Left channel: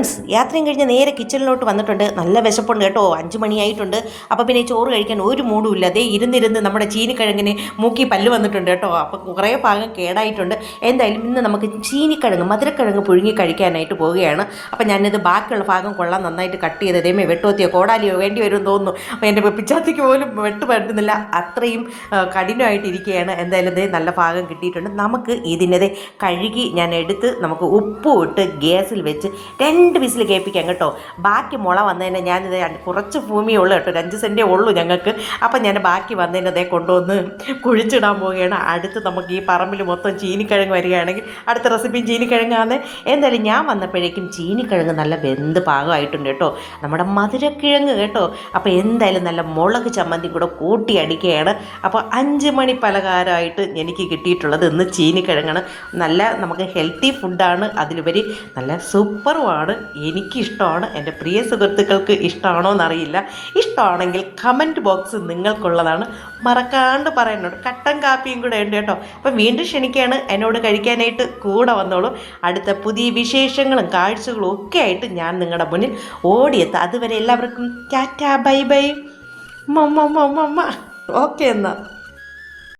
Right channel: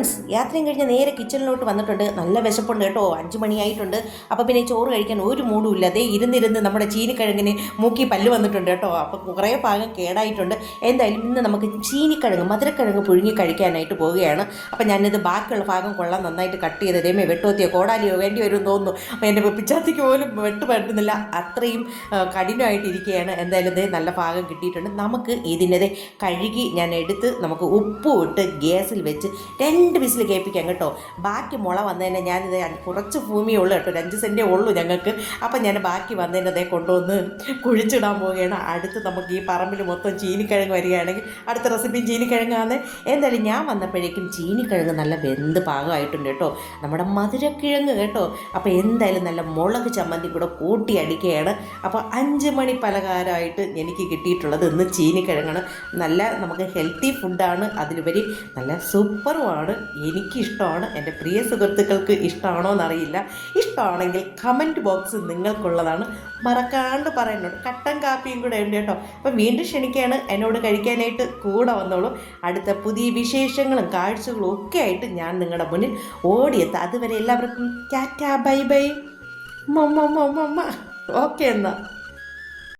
Friends യാത്രയും കഴിഞ്ഞ് നേരെ കിച്ചണിലോട്ട് വന്നിട്ടുണ്ട്. നല്ല വിശപ്പുണ്ട് കേട്ടോ. അഞ്ച് മണിയായിട്ടുണ്ട്. അപ്പോൾ പിന്നെ ചോറ് കഴിക്കാൻ ഒരു മൂടും ഇല്ല. അതേ ഇരുന്നിരുന്ന് നമ്മുടെ ചീനിക്കിഴങ്ങിന് മൂക്കി പല്ല് വന്നിട്ടുണ്ട് കേട്ടോ. അപ്പോൾ കുറേ ഭാഗം കേടായിട്ടുണ്ട്. എന്തായാലും ഇന്ന് നമുക്ക് ചീനിക്കിഴങ്ങ് മധുരക്കിഴങ്ങ് പുഴുങ്ങി കഴിക്കാനായിട്ട് പോവുകയാണ്. അപ്പോൾ ഞാനിത് ബാക്കിയുള്ള ഭാഗം കൊള്ളാൻ നന്നായിട്ട് കട്ട് ചെയ്ത് ദൈവമേ വെട്ടുവത്തിയോ കോടാലിയോ വേണ്ടി വരും തോന്നുന്നു. അപ്പോൾ എന്റെ പിച്ചാത്തിക്ക് പോലും വെട്ട് പറ്റുന്നില്ല അത്രയും കഠിനമായിട്ടിരിക്കുകയാണ് എന്തായാലും ഇതേ നല്ല ഭാഗം കിട്ടിയിട്ടുണ്ട്. നമുക്ക് ഇതിനെ കഴുകി ഞാൻ എടുത്ത് നമുക്ക് ഉപ്പ് ഇട്ട് ഗ്യാസിൽ വെച്ച് രണ്ട് വിസിൽ കേൾപ്പിക്കാം കേട്ടോ. ബാക്കി മുള വന്നതിന് ഞാനിത് കുറച്ച് ഭൂമിയേ ഉള്ളൂ കേട്ടോ. അഞ്ച് സെന്റേ ഉള്ളൂ ഞങ്ങൾക്ക്. അപ്പം ഞാൻ ബാക്കി വന്നതിന് അതേ കൊണ്ടുവന്ന് കുഴിച്ചിടാൻ പോവുകയാണ്. അടുത്ത് നമുക്ക് ഈ പറമ്പിൽ മൊത്തം ചീനിക്കിഴങ്ങ് വരികയാണെങ്കിൽ അടുത്ത റെസിപ്പിയും ചീനിക്കിഴങ്ങാണ് എന്തായാലും ഞാൻ വന്നപ്പോഴേക്കും ചീനിക്കിഴങ്ങ് നല്ല വെന്ത് പാകമായിട്ടുണ്ട് കേട്ടോ. നമ്മുടെ മധുരക്കിഴങ്ങ് കേട്ടോ. അപ്പോൾ എന്തായാലും നല്ല മുളക് ചമ്മന്തി കൂടെ കൂട്ടി അടിക്കുകയാണ്. അപ്പോൾ അഞ്ച് മണി പലഹാരമായിട്ട് എനിക്ക് കിട്ടിയിട്ടുള്ളത് ഇന്ന് ചീനിക്കിഴങ്ങാണ്. നല്ല നമുക്ക് ഹെൽത്തി ഫുഡാണ് അതിലുപരി നല്ല സൂപ്പറുമാണ് എനിക്കിഷ്ടമാണ്. എന്റെ പ്രിയ സുഹൃത്തുക്കൾക്ക് ഇഷ്ടമാണോ എന്നറിയില്ല. ഇഷ്ടമാണെങ്കിൽ കമന്റ് ബോക്സ് നിങ്ങൾക്കുള്ളതാണ്. മറക്കാണ്ട് പറയുന്നുണ്ട്. കട്ടൻ കാപ്പിയും കൂടെ ഉണ്ട് കേട്ടോ. അപ്പം വീണ്ടും ക്ഷണിക്കുകയാണ്. എന്നോട് കഴിക്കാനായിട്ട് കൂടെ വന്നോളൂ. അടുത്ത പുതിയ വിശേഷങ്ങളും കാഴ്ചകളും ഒക്കെ ആയിട്ട് ഞാൻ നിങ്ങളുടെ മുന്നിൽ ഓടിയെത്താം. അതുവരെ എല്ലാവർക്കും tata bye bye. Mamma mamma okay എന്നാൽ